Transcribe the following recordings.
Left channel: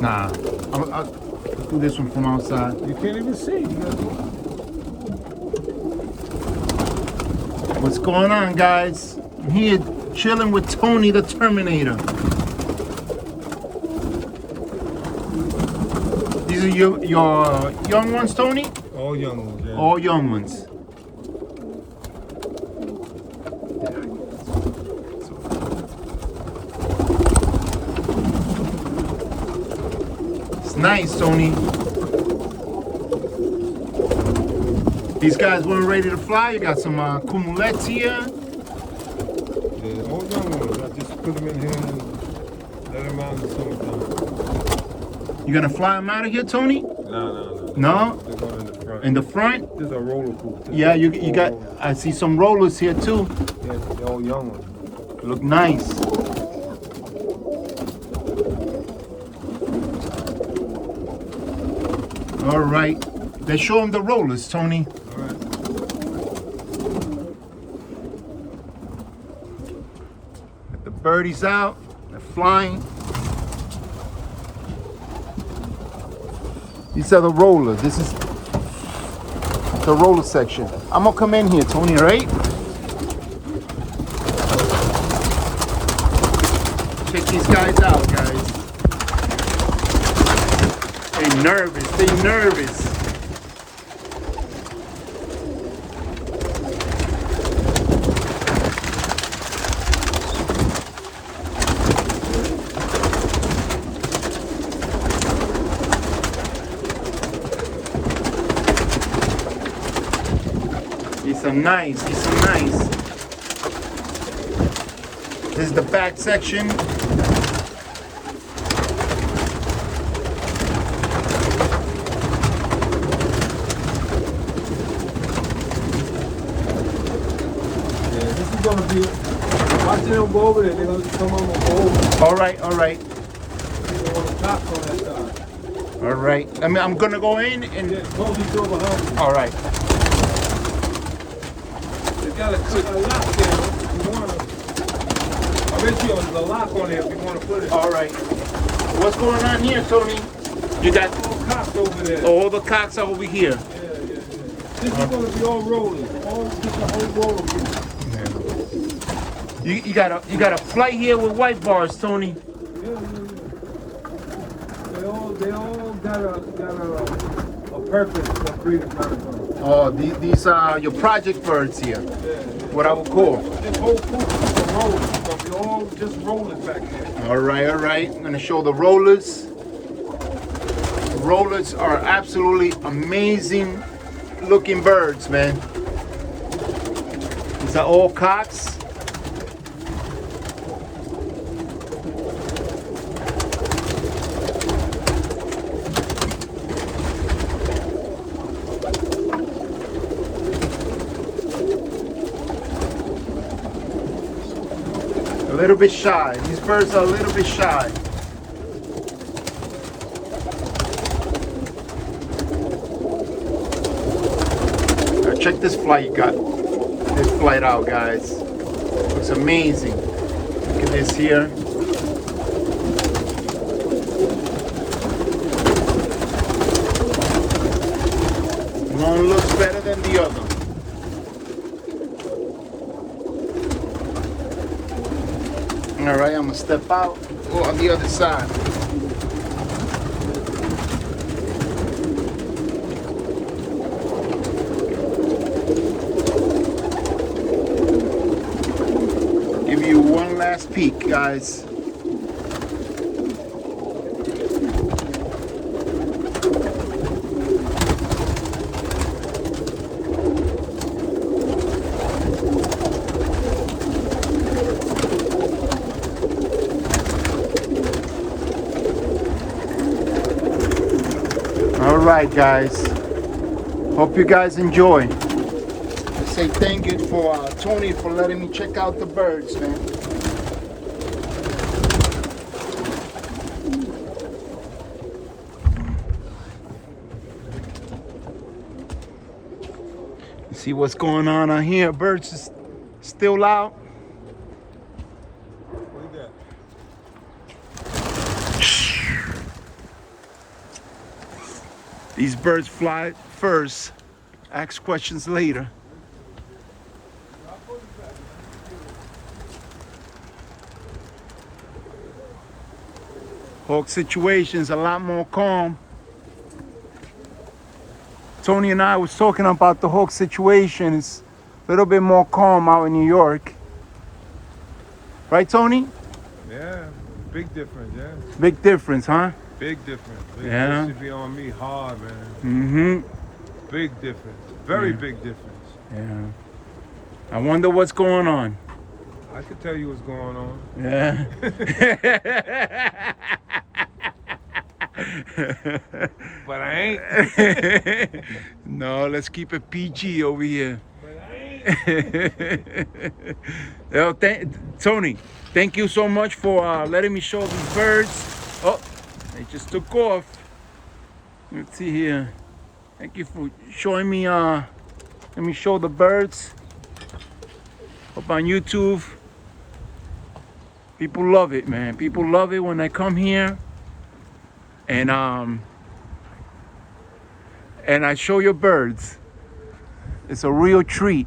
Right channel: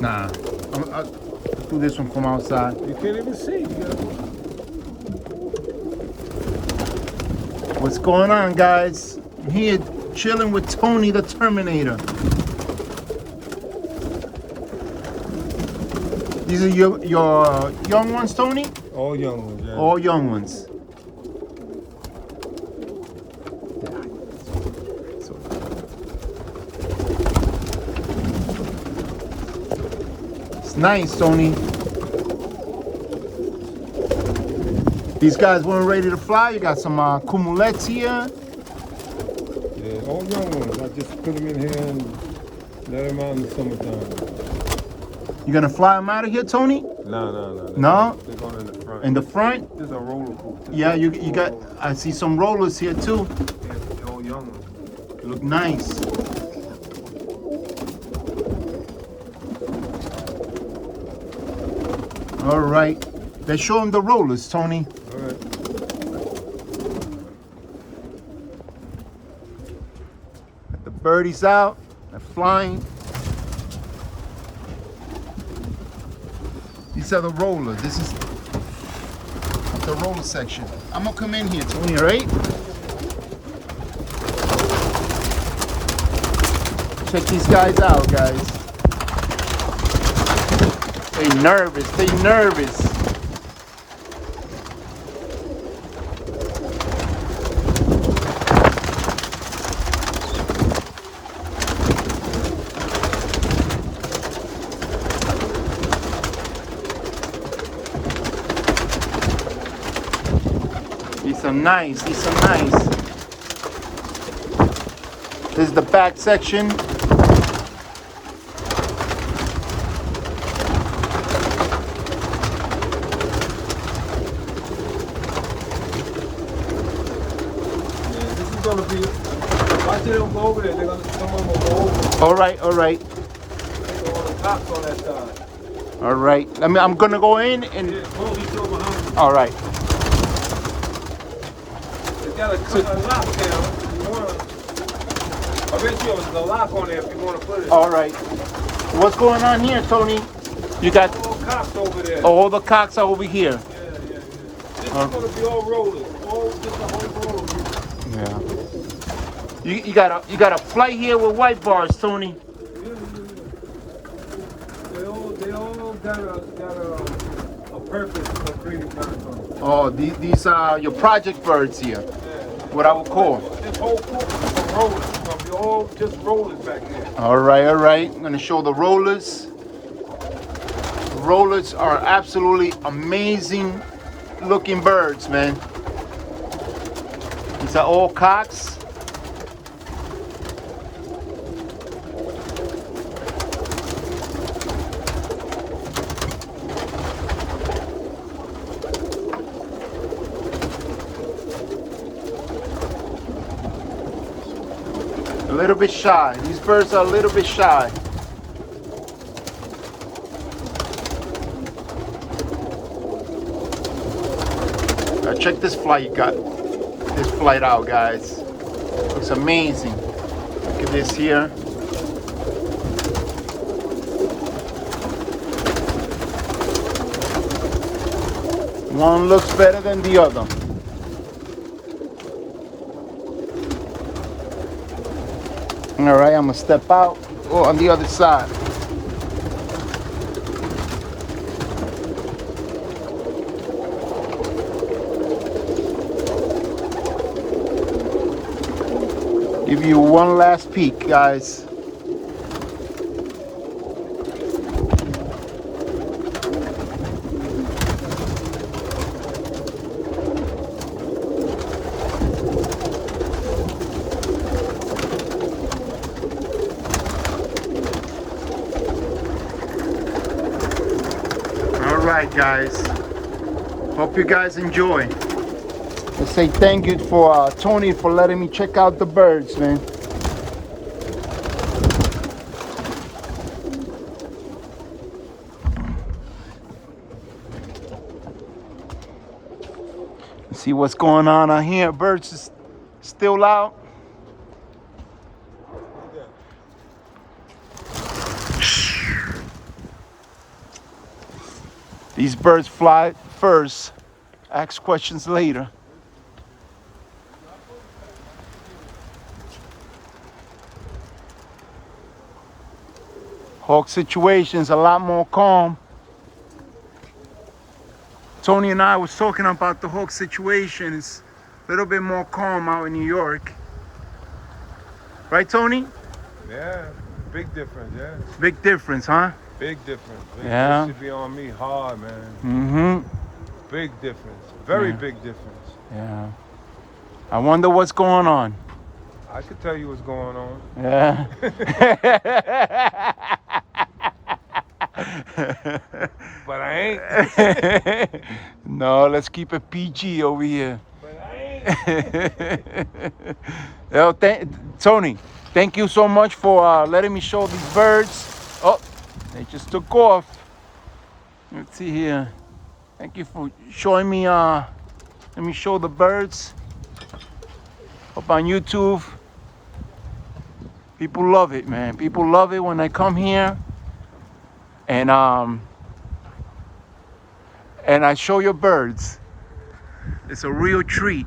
Nah, I'll do this one from outside. You can't even see. What's going on, guys? I'm here chilling with Tony the Terminator. These are your young ones, Tony? All young ones, yeah. All young ones. It's nice, Tony. These guys weren't ready to fly. You got some Cumulets here. Yeah, all young ones. I just put them in here and let them out in the summertime. You gonna fly them out of here, Tony? No. No? They're going in the front. In the front? This is a roller coaster. Yeah, you got. I see some rollers here too. Yeah, they're all young ones. Look nice. All right. Let's show them the rollers, Tony. All right. Got the birdies out. They're flying. These are the rollers. This is the roller section. I'm gonna come in here, Tony, right? Check these guys out, guys. They nervous. They nervous. These are nice. These are nice. This is the back section. Gonna be, watch them go over there. They're gonna come over. All right, all right, All the cops on that side. all right. I'm gonna go in and. Yeah, police over home. All right. They got a lock there. If you want. I bet you there's a lock on there if you want to put it. All right. What's going on here, Tony? You got All the cops over there. all the cocks are over here. Yeah. This is gonna be all rollers. Just a whole roller. Yeah. You got a flight here with white bars, Tony. Yeah. They all got a purpose for creating birds. Oh, these are your project birds here. Yeah. What I would call. This whole group is rollers. So they're all just rollers back here. All right. I'm gonna show the rollers. The rollers are absolutely amazing looking birds, man. These are all cocks. A little bit shy. These birds are a little bit shy. Check this flight you got. This flight out, guys. Looks amazing. Look at this here. One looks better than the other. All right, I'm gonna step out. Oh, on the other side. Give you one last peek, guys. All right, guys. Hope you guys enjoy. I say thank you for Tony for letting me check out the birds, man. See what's going on out here. Birds is still out. What do you These birds fly first, ask questions later. Hawk situation's a lot more calm. Tony and I was talking about the hawk situation. It's a little bit more calm out in New York. Right, Tony? Yeah, big difference, yeah. Big difference, huh? Big difference. Yeah. It should be on me hard, man. Mm-hmm. Big difference. Very big difference. Yeah. I wonder what's going on. I could tell you what's going on. Yeah. But I ain't. No, let's keep it PG over here. But I ain't. Well, Tony, thank you so much for letting me show these birds. Oh, they just took off. Let's see here. Thank you for showing me. Let me show the birds up on YouTube. People love it, man. People love it when I come here and I show your birds. It's a real treat.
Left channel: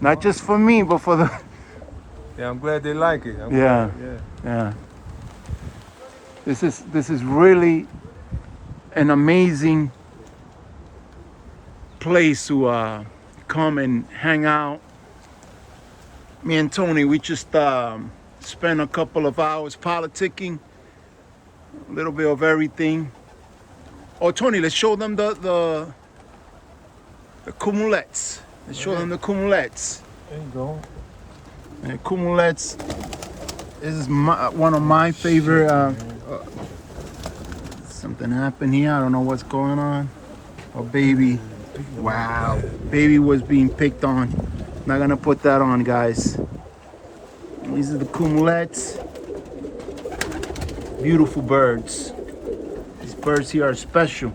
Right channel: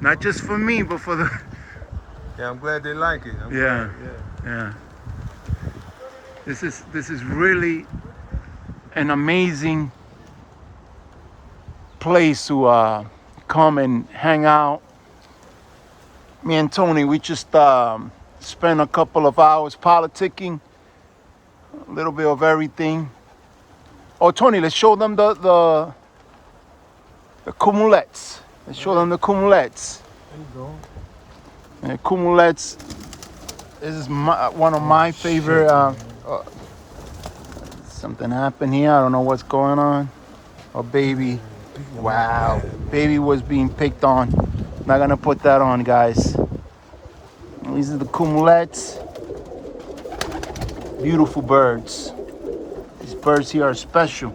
Not just for me, but for the... Yeah, I'm glad they like it. Yeah. This is really an amazing place to come and hang out. Me and Tony, we just spent a couple of hours politicking, a little bit of everything. Oh, Tony, let's show them the Cumulets. Let's show them the Cumulets. There you go. And Cumulets. This is one of my favorite. Something happened here. I don't know what's going on. Oh, baby. Wow. Baby was being picked on. Not gonna put that on, guys. These are the Cumulets. Beautiful birds. These birds here are special.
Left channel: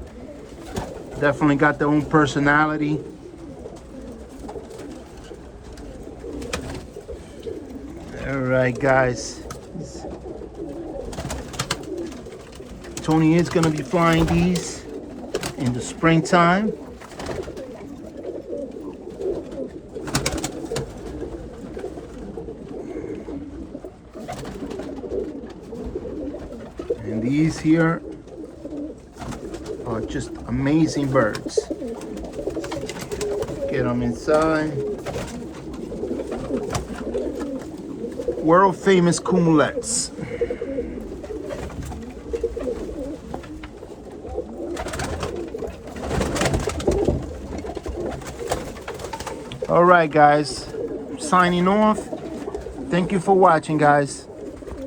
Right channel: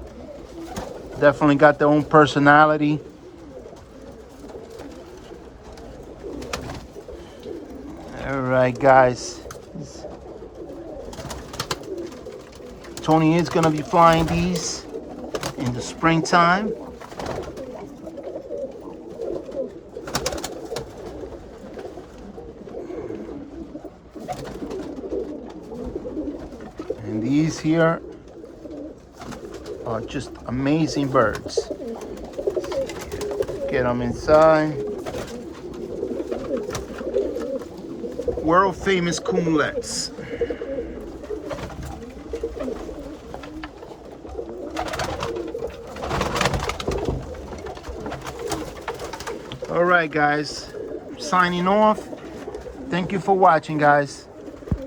Definitely got their own personality. All right, guys. Tony is gonna be flying these in the springtime. And these here are just amazing birds. Get them inside. World famous Cumulets. All right, guys, I'm signing off. Thank you for watching, guys.